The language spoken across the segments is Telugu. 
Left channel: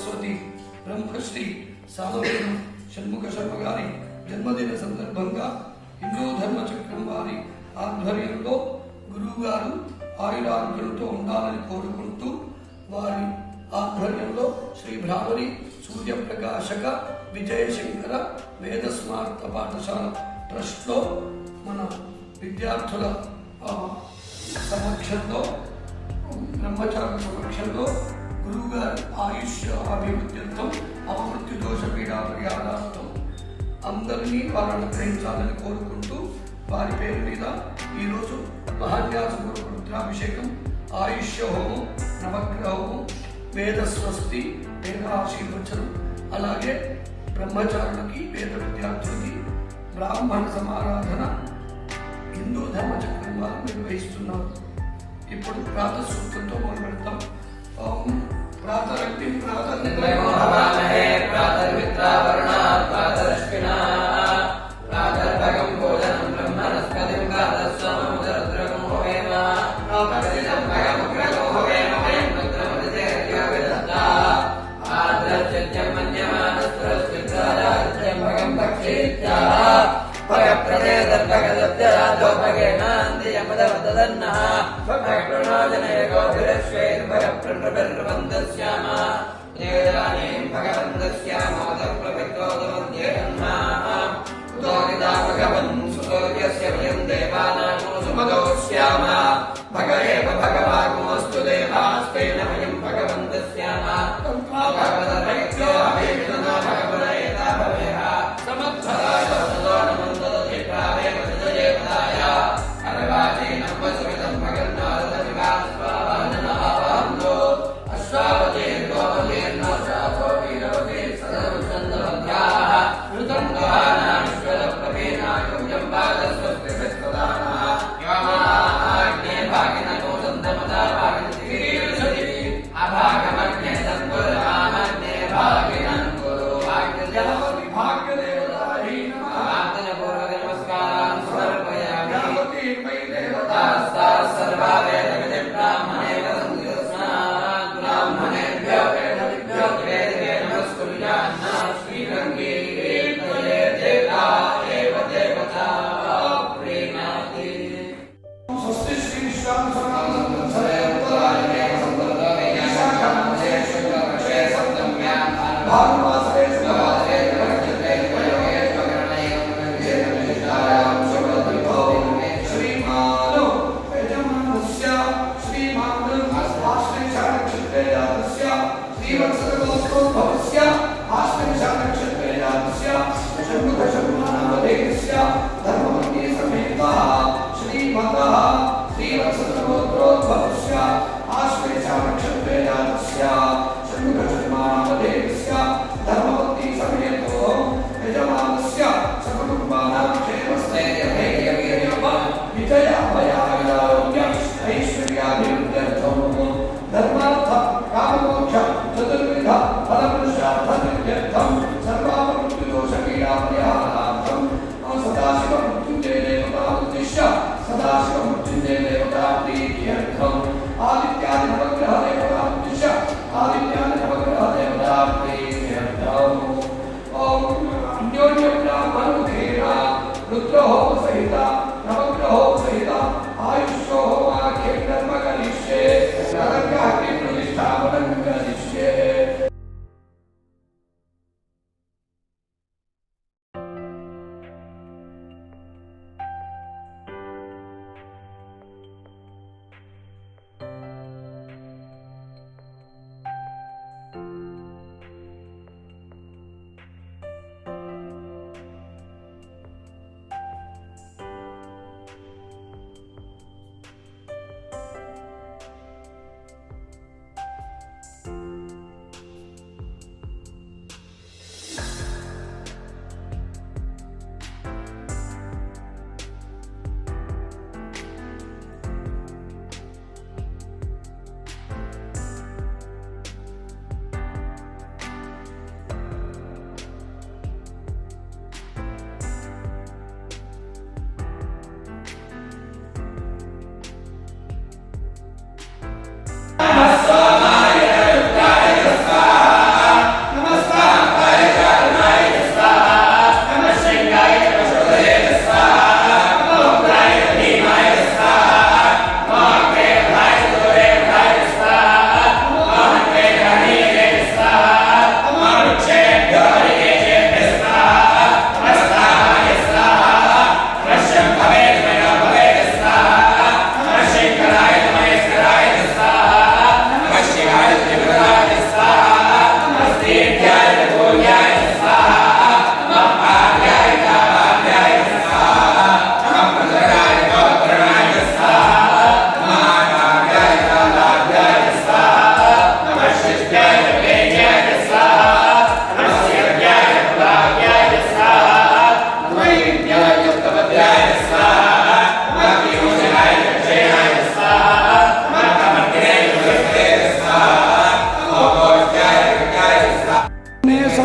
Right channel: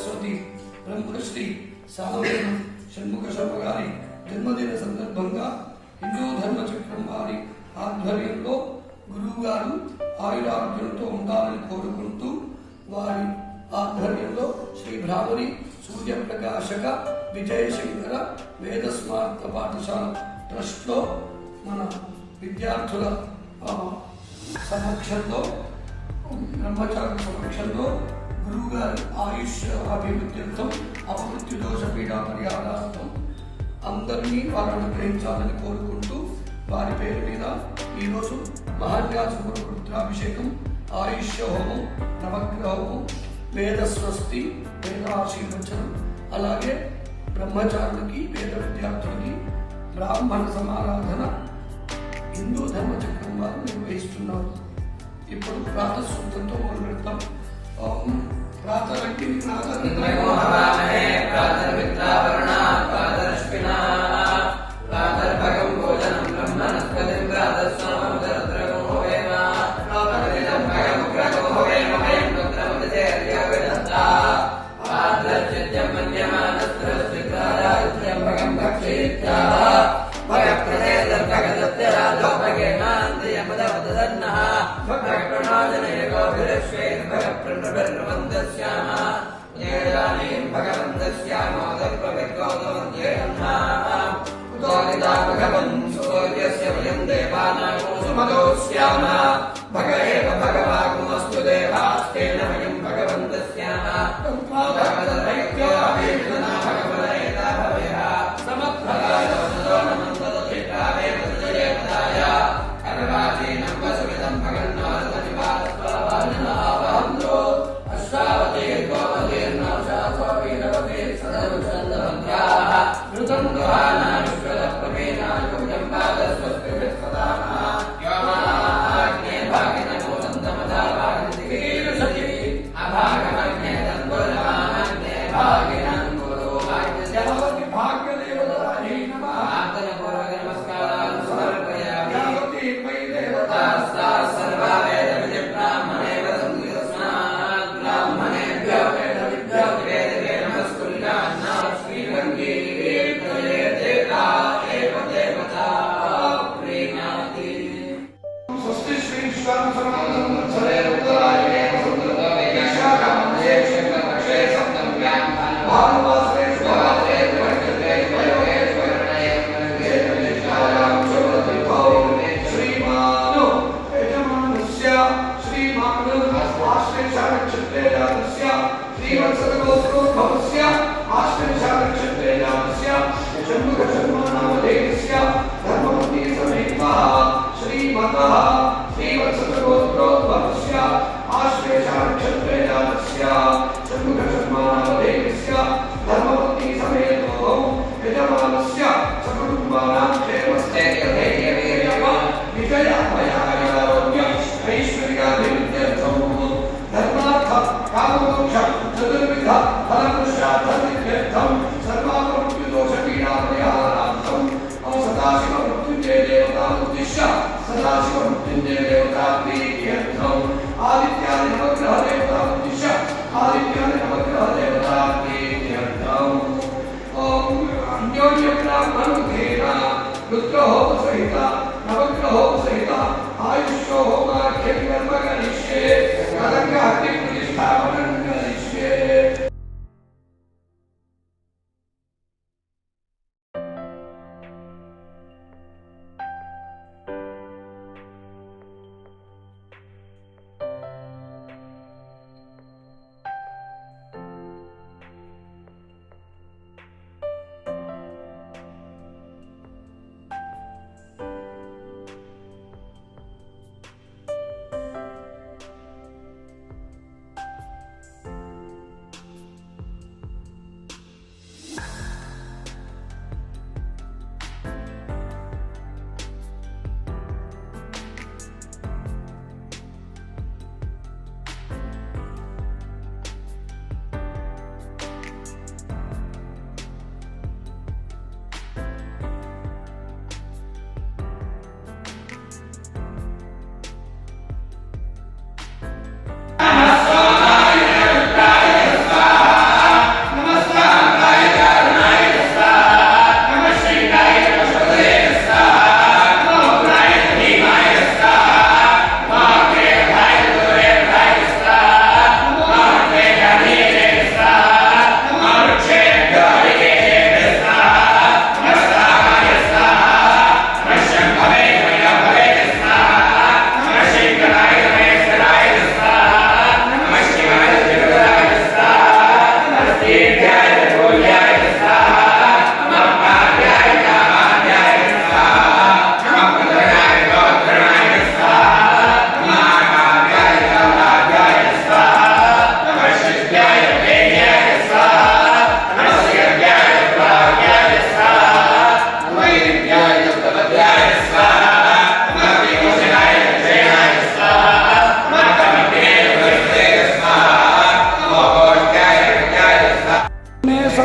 సరస్వతి బ్రహ్మశ్రీ సామవేదం షణ్ముఖ శర్మ గారి జన్మదిన సందర్భంగా హిందూ ధర్మ చక్రం వారి ఆధ్వర్యంలో గురువు గారు ఆయురారోగ్యంతో ఉండాలని కోరుకుంటూ వారి ఆధ్వర్యంలో శ్రీ భ్రామరి సూర్యప్రకాశక విజయశంకర వేద స్మార్త పాఠశాల ట్రస్ట్లో మన విద్యార్థుల సమక్షంలో బ్రహ్మచారుల సమక్షంలో గురువుగారు ఆయుష్ అభివృద్ధితో అపమృత్యు దోష పీడా పరిహారార్థం అందరినీ వారు అనుగ్రహించాలని కోరుకుంటూ వారి పేరు మీద ఈరోజు మహాన్యాసపూర్వక రుద్రాభిషేకం ఆయుష్య హోమం నవగ్రహ హోమం వేదస్వస్తి వేద ఆశీర్వచనం అలాగే బ్రహ్మచారులకి వేద విద్యార్థులకి బ్రాహ్మణ సమారాధన హిందూ ధర్మ చక్రం వారు నిర్వహిస్తున్నారు. ఇప్పుడు ప్రాతः సూక్తంతో మొదలు పెడతాం. प्रातर्मित्रावर्णाः प्रातर्मित्रावर्णाः प्रातरश्विनाः గోభిరశ్వేర్ భగప్రణబర్వందస్యామ దేవానయం భగవంతస్యామాదప్రవిగోదమధ్యేన్నాః ఉదానిదా భగవన్ సూర్యస్య వయం దేవానాగో సుమదోస్యామ భగ ఏవ భగవాగుమస్తు దేవాస్తేన వయం భగవంతస్యామ భగవదైక్యో అభీషణ భగవదైతా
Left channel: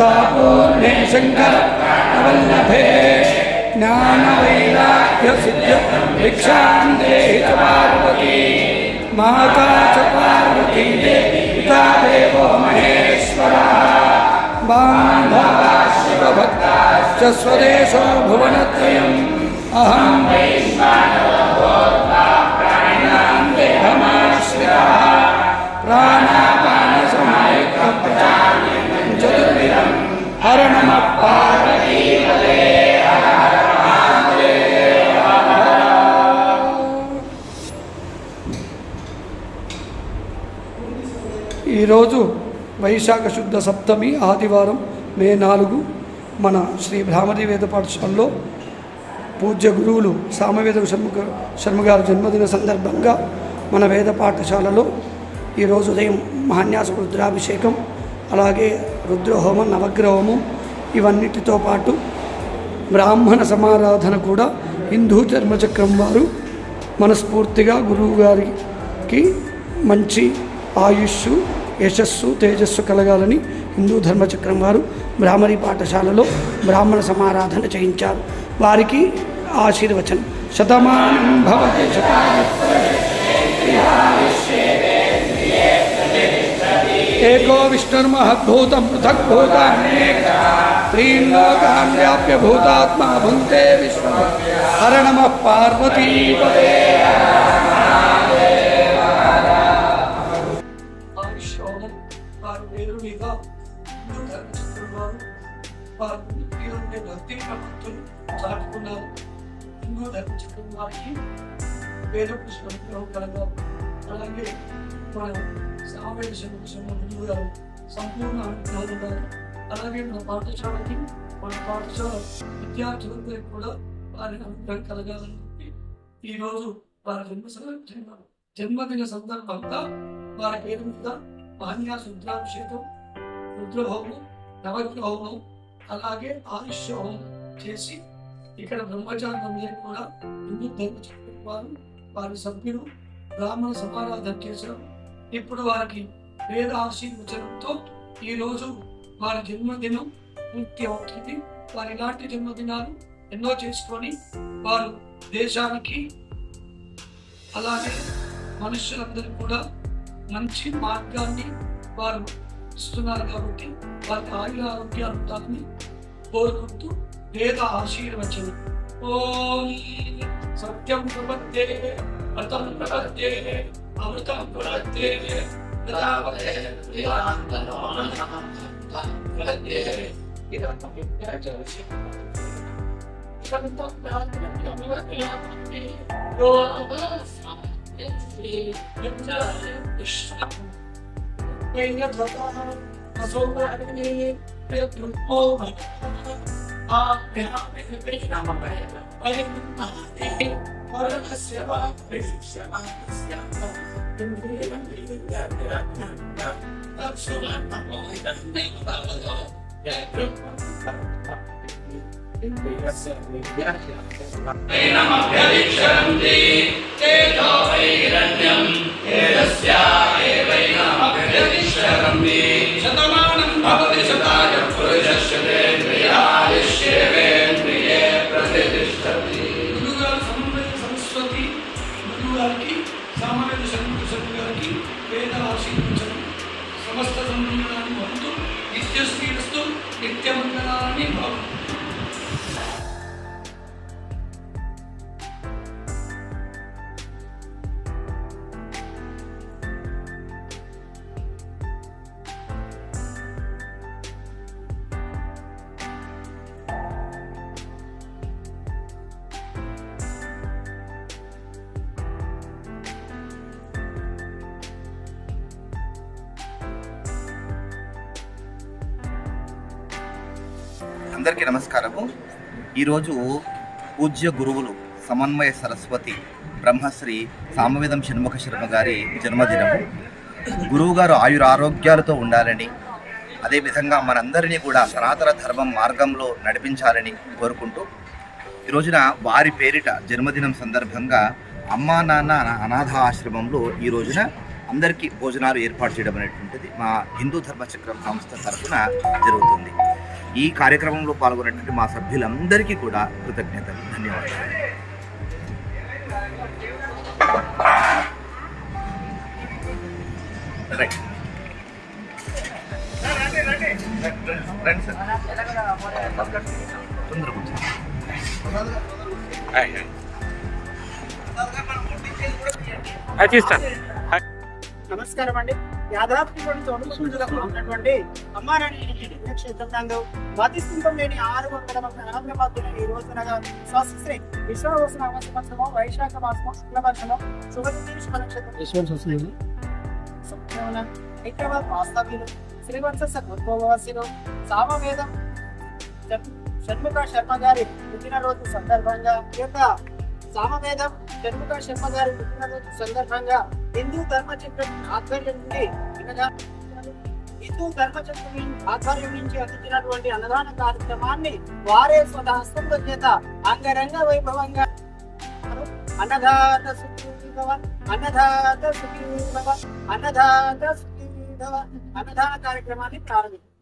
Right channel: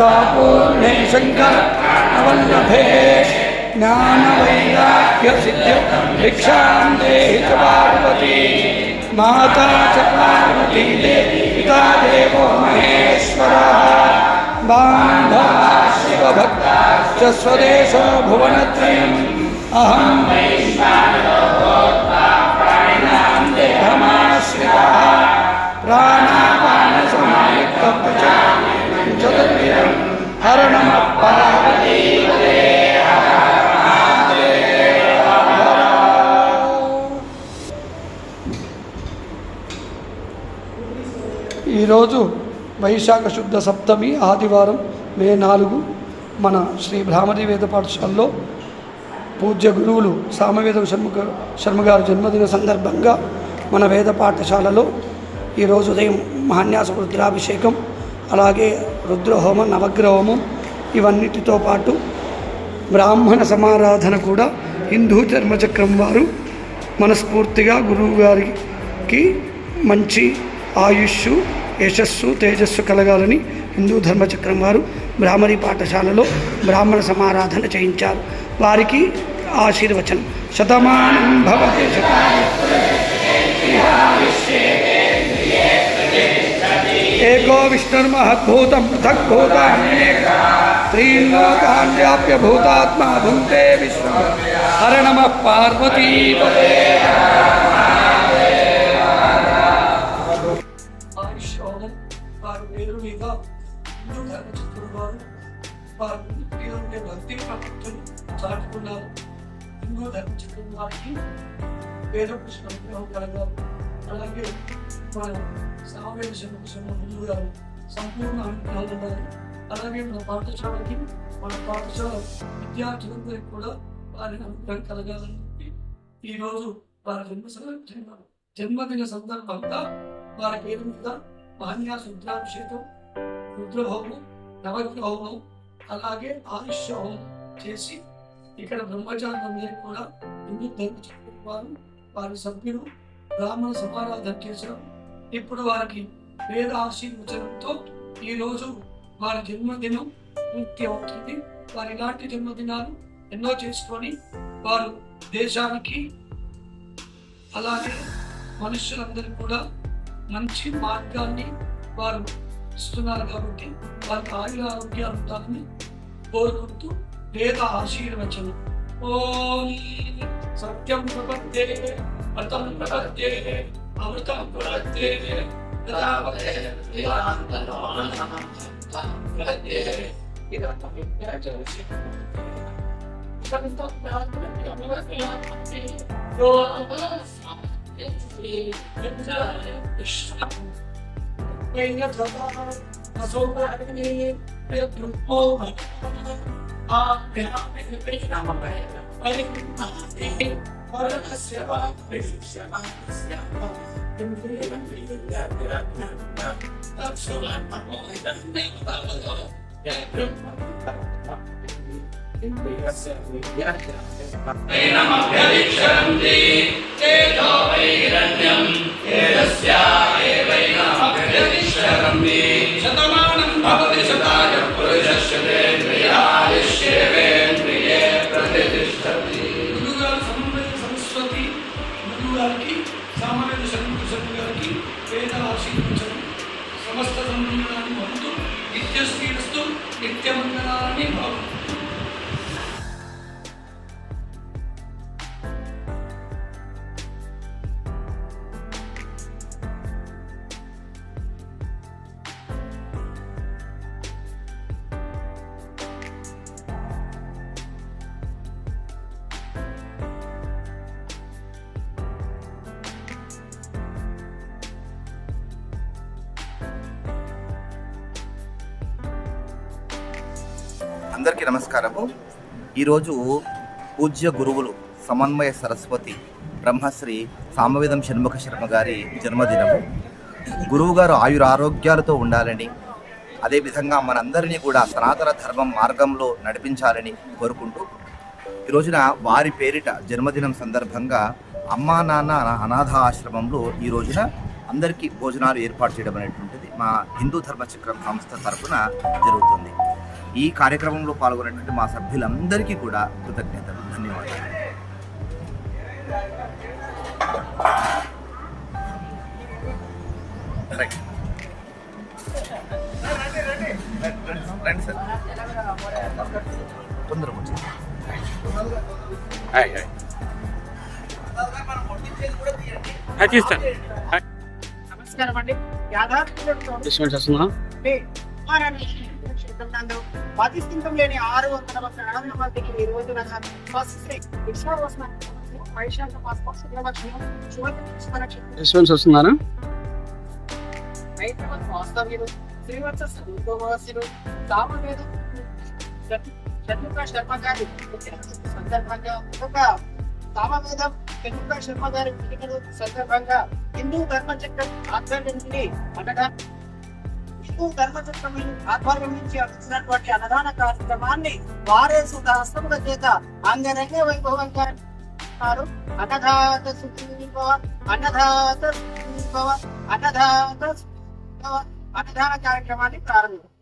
पूर्णे शङ्करवल्लभे ज्ञानवैराग्यसिद्ध्य भिक्षां देहि च पार्वती, माता च पार्वती देवी पिता देवो महेश्वरः। बान्धवा शिवभक्ताश्च स्वदेशो भुवनत्रयम्। अहं देहमाश्रितः। प्राणापानसमायुक्तप्रचारं హర నమ ఈరోజు వైశాఖ శుద్ధ సప్తమి ఆదివారం మే నాలుగు మన శ్రీ బ్రాహ్మణి వేద పాఠశాలలో పూజ్య గురువులు సామవేద శర్మ శర్మ జన్మదిన సందర్భంగా మన వేద పాఠశాలలో ఈరోజు ఉదయం మహాన్యాస రుద్రాభిషేకం అలాగే రుద్రహోమం నవగ్రహోమం ఇవన్నిటితో పాటు బ్రాహ్మణ సమారాధన కూడా హిందూ ధర్మచక్రం వారు మనస్ఫూర్తిగా గురువు గారికి మంచి ఆయుష్ యశస్సు తేజస్సు కలగాలని హిందూ ధర్మచక్రం వారు బ్రాహ్మణి పాఠశాలలో బ్రాహ్మణ సమారాధన చేయించారు. వారికి ఆశీర్వచనం. శతమానం భవతి ఆయుష్యోగం వారు పేరు మీద హిందూ ధర్మచక్రం వారు వారు పేరు మీద భక్తి ప్రపత్తులు చాటుకున్నారు హిందూ ధర్మచక్రం వారికి పేద పుష్పం కలగాలి అలాగే మన సామవేద హిందూ గారు సంపూర్ణ అనుగ్రహం ఉండాలి అలాగే మన పాఠశాలకి మన పాఠశాల విద్యార్థులకు కూడా వారి అనుగ్రహం కలగాలని చెప్పి ఈరోజు వారి జన్మ జన్మదిన సందర్భంగా వారి పేరు మీద మహాన్యాస రుద్రాభిషేకం రుద్రహోమం నవగ్రహోమం అలాగే ఆయుష్ హోమం చేసి ఇక్కడ బ్రహ్మచారులందరికీ కూడా హిందూ ధర్మచక్రం వారు వారి సభ్యులు బ్రాహ్మణ సమారాధన చేశారు ఇప్పుడు వారికి వేద ఆశీర్వచనంతో ఈ రోజు వారి జన్మదినం పూర్తి అవుతుంది. వారు ఇలాంటి జన్మదినాలు ఎన్నో చేసుకొని వారు దేశానికి అలాగే మనుషులందరూ కూడా మంచి మార్గాన్ని వారు ఇస్తున్నారు కాబట్టి వారికి ఆయుర ఆరోగ్యాలు ఉండాలని కోరుకుంటూ వేద ఆశీర్వచనం. ఓం సత్యం ప్రపత్తే అతం ప్రపత్తే அமிர்தம் குலத்தே பிரதாபதே விதாந்தனோனம் குலத்தே ஆ Paranasya Parisya Shatamanam Bhavati Shatayam Purujashyate అందరికీ నమస్కారము. ఈరోజు పూజ్య గురువులు సమన్వయ సరస్వతి బ్రహ్మశ్రీ సామవేదం షణ్ముఖ శర్మ గారి జన్మదినము. గురువుగారు ఆయుర ఆరోగ్యాలతో ఉండాలని అదేవిధంగా మనందరినీ కూడా సనాతన ధర్మం మార్గంలో నడిపించాలని కోరుకుంటూ ఈ రోజున వారి పేరిట జన్మదినం సందర్భంగా అమ్మా నాన్న అనాథ ఆశ్రమంలో ఈ రోజున అందరికీ భోజనాలు ఏర్పాటు చేయడం అనేటువంటిది మా హిందూ ధర్మ చక్రం సంస్థ తరఫున జరుగుతుంది. ఈ కార్యక్రమంలో పాల్గొన్నటువంటి మా సభ్యులందరికీ కూడా కృతజ్ఞతలు. ధన్యవాదాలు. రైట్. రండి సార్ తొందరగా తీస్తాను. నమస్కారం అండి యాదాద్రిలోని ఉన్నటువంటి అమ్మానాన్న క్షేత్రంలో మధ్యస్థితం లేని ఆరు వందల అనంత మధ్యలో ఈ రోజునగా స్వస్తి విశ్వవసన సంవత్సరం వైశాఖ మాసం శుక్లపక్షం హైదరాబాద్ వాస్తవ్యులు ఉద్భవవాసులు సామవేదం షణ్- షణ్ముఖ శర్మ గారి పుట్టినరోజు సందర్భంగా ఈ యొక్క సామవేదం షణ్ముఖ శర్మ గారి పుట్టినరోజు సందర్భంగా హిందూ ధర్మచక్రం ఆధ్వర్యం నుండి అన్నదాన హిందూ ధర్మచక్రం ఆధ్వర్యం నుంచి అందించినటువంటి అన్నదాన కార్యక్రమాన్ని వారే స్వతహస్తముల చేత అంగరంగ వైభవంగా అన్నదాత సుఖీభవ అన్నదాత సుఖీభవ అన్నదాత సుఖీభవ అన్నదాన కార్యక్రమాన్ని ప్రారంభించారు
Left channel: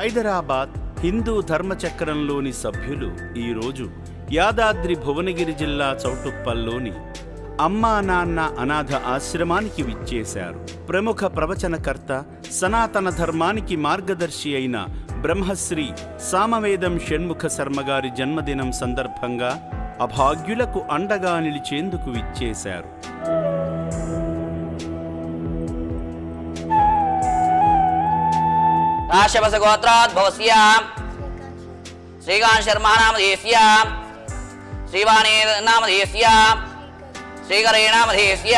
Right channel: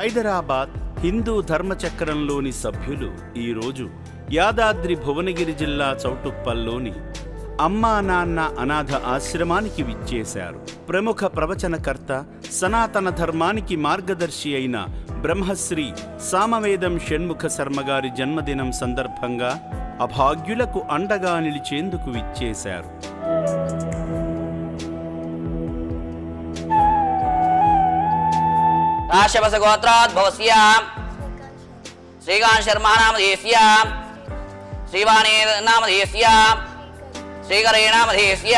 హైదరాబాద్ హిందూ ధర్మచక్రంలోని సభ్యులు ఈరోజు యాదాద్రి భువనగిరి జిల్లా చౌటుప్పల్లోని అమ్మా నాన్న అనాథ ఆశ్రమానికి విచ్చేశారు. ప్రముఖ ప్రవచనకర్త సనాతన ధర్మానికి మార్గదర్శి అయిన బ్రహ్మశ్రీ సామవేదం షణ్ముఖ శర్మగారి జన్మదినం సందర్భంగా అభాగ్యులకు అండగా నిలిచేందుకు విచ్చేశారు. రాశవస గోత్రాద్భవస్య శ్రీకాంత్ శర్మ నామధేస్య శ్రీవాణి నామధేస్య శ్రీకరే నామధేస్య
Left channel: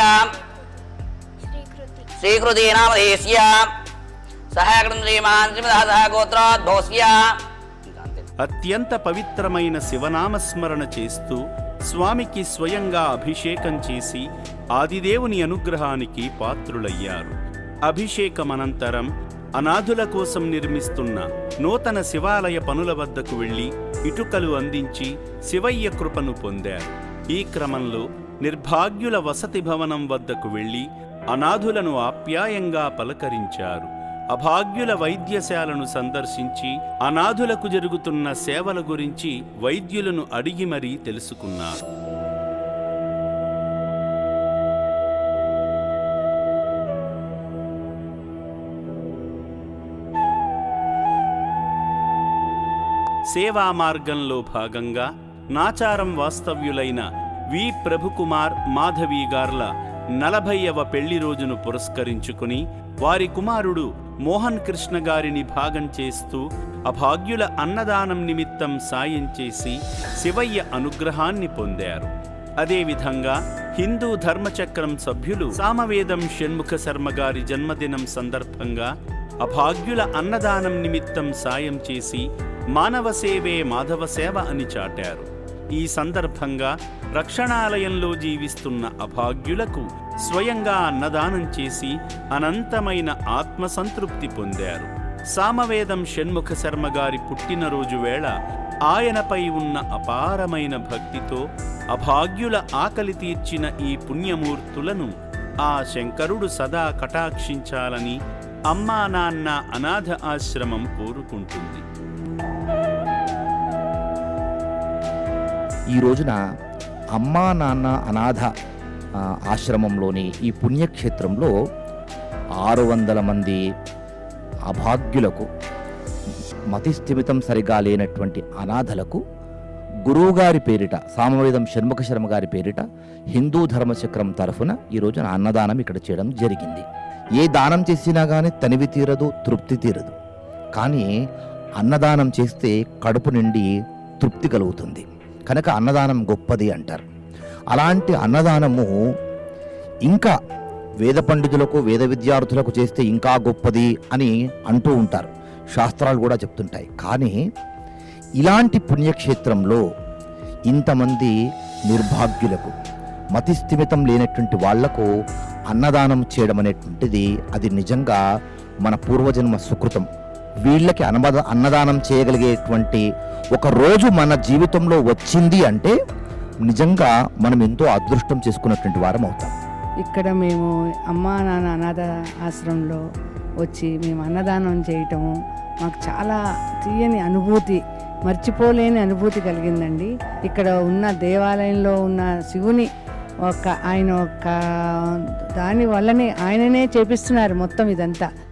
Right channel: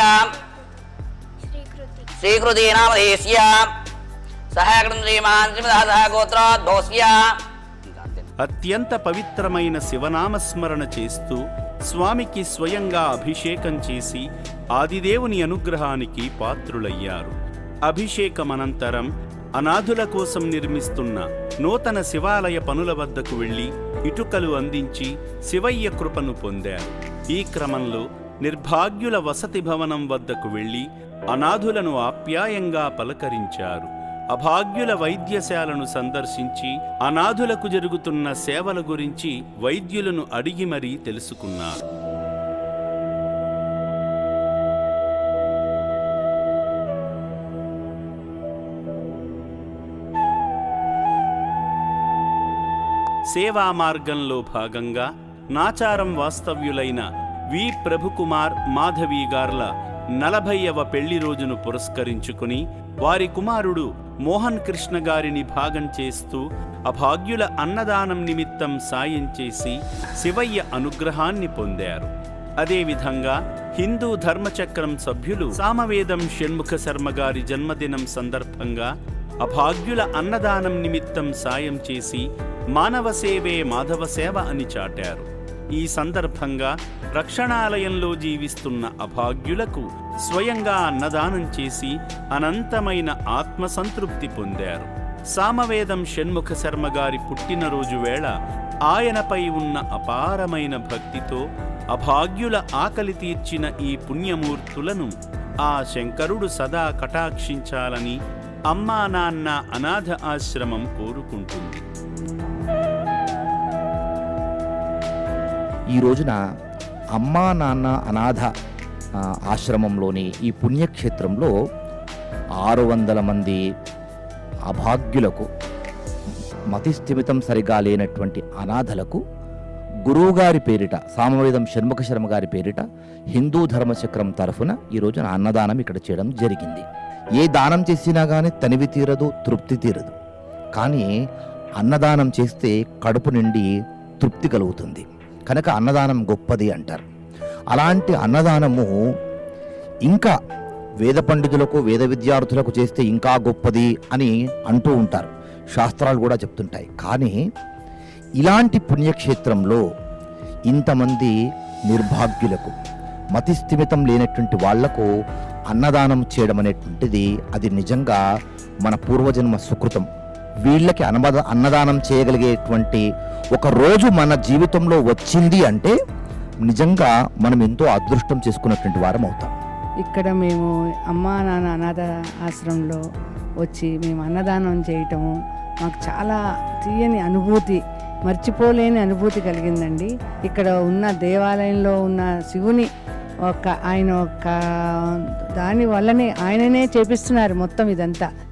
శ్రీకృతి నామధేస్య సహాయకృతం శ్రీమాన్ శ్రీమదహ గోత్రాద్భవస్య అత్యంత పవిత్రమైన శివనామస్మరణ చేస్తూ స్వామికి స్వయంగా అభిషేకం చేసి ఆదిదేవుని అనుగ్రహానికి పాత్రులయ్యారు. అభిషేకమనంతరం అనాథుల కోసం నిర్మిస్తున్న నూతన శివాలయ పనుల వద్దకు వెళ్ళి ఇటుకలు అందించి శివయ్య కృపను పొందారు. ఈ క్రమంలో నిర్భాగ్యుల వసతి భవనం వద్దకు వెళ్ళి అనాథులను ఆప్యాయంగా పలకరించారు. అభాగ్యుల వైద్యశాలను సందర్శించి అనాథులకు జరుగుతున్న సేవల గురించి వైద్యులను అడిగి మరీ తెలుసుకున్నారు. సేవా మార్గంలో భాగంగా నాచారం వాస్తవ్యులైన వి. ప్రభుకుమార్ మాధవి గార్ల నలభైవ పెళ్ళి రోజును పురస్కరించుకుని వారి కుమారుడు మోహన్ కృష్ణ గారిని భాగం చేస్తూ అభాగ్యుల అన్నదానం నిమిత్తం సాయం చేసి శివయ్య అనుగ్రహాన్ని పొందారు. అదేవిధంగా హిందూ ధర్మచక్రం సభ్యులు సామవేదం షణ్ముఖ శర్మ గారి జన్మదినం సందర్భంగా అభాగ్యుల అన్నదానం నిమిత్తం సాయం చేసి మానవ సేవే మాధవ సేవ అని చాటారు. ఈ సందర్భంగా రక్షణాలయంలో జీవిస్తున్న అభాగ్యులకు స్వయంగా అన్నదానం చేసి అనంతమైన ఆత్మసంతృప్తి పొందారు. సామవేదం షణ్ముఖ శర్మ గారి పుట్టినరోజు వేళ ఆయనపై ఉన్న అపారమైన భక్తితో అభాగ్యుల ఆకలి తీర్చిన ఈ పుణ్యమూర్తులను ఆ శంకరుడు సదా కటాక్షించాలని అమ్మా నాన్న అనాథ ఆశ్రమం కోరుకుంటుంది. ఈ రోజున అమ్మా నాన్న అనాథ ఆశ్రమంలోని ఈ పుణ్యక్షేత్రంలో ఆరు వందల మంది అభాగ్యులకు మతిస్థిమితం సరిగా లేనటువంటి అనాథలకు గురువుగారి పేరిట సామవేదం షణ్ముఖ శర్మ గారి పేరిట హిందూ ధర్మచక్రం తరఫున ఈ రోజున అన్నదానం ఇక్కడ చేయడం జరిగింది. ఏ దానం చేసినా కానీ తనివి తీరదు తృప్తి తీరదు. కానీ అన్నదానం చేస్తే కడుపు నిండి తృప్తి కలుగుతుంది. కనుక అన్నదానం గొప్పది అంటారు. అలాంటి అన్నదానము ఇంకా వేద పండితులకు వేద విద్యార్థులకు చేస్తే ఇంకా గొప్పది అని అంటూ ఉంటారు. శాస్త్రాలు కూడా చెప్తుంటాయి. కానీ ఇలాంటి పుణ్యక్షేత్రంలో ఇంతమంది నిర్భాగ్యులకు మతిస్థిమితం లేనటువంటి వాళ్ళకు అన్నదానం చేయడం అనేటువంటిది అది నిజంగా మన పూర్వజన్మ సుకృతం. వీళ్ళకి అన్నద అన్నదానం చేయగలిగేటువంటి ఒక రోజు మన జీవితంలో వచ్చింది అంటే నిజంగా మనం ఎంతో అదృష్టం చేసుకున్నటువంటి వారం అవుతాం. ఇక్కడ మేము అమ్మా నాన్న అనాథ ఆశ్రమంలో వచ్చి మేము అన్నదానం చేయటము మాకు చాలా తీయని అనుభూతి మర్చిపోలేని అనుభూతి కలిగిందండి. ఇక్కడ ఉన్న దేవాలయంలో ఉన్న శివుని ఒక ఆయన ఒక దాని వల్లనే ఆయననే చేపిస్తున్నారు మొత్తం ఇదంతా.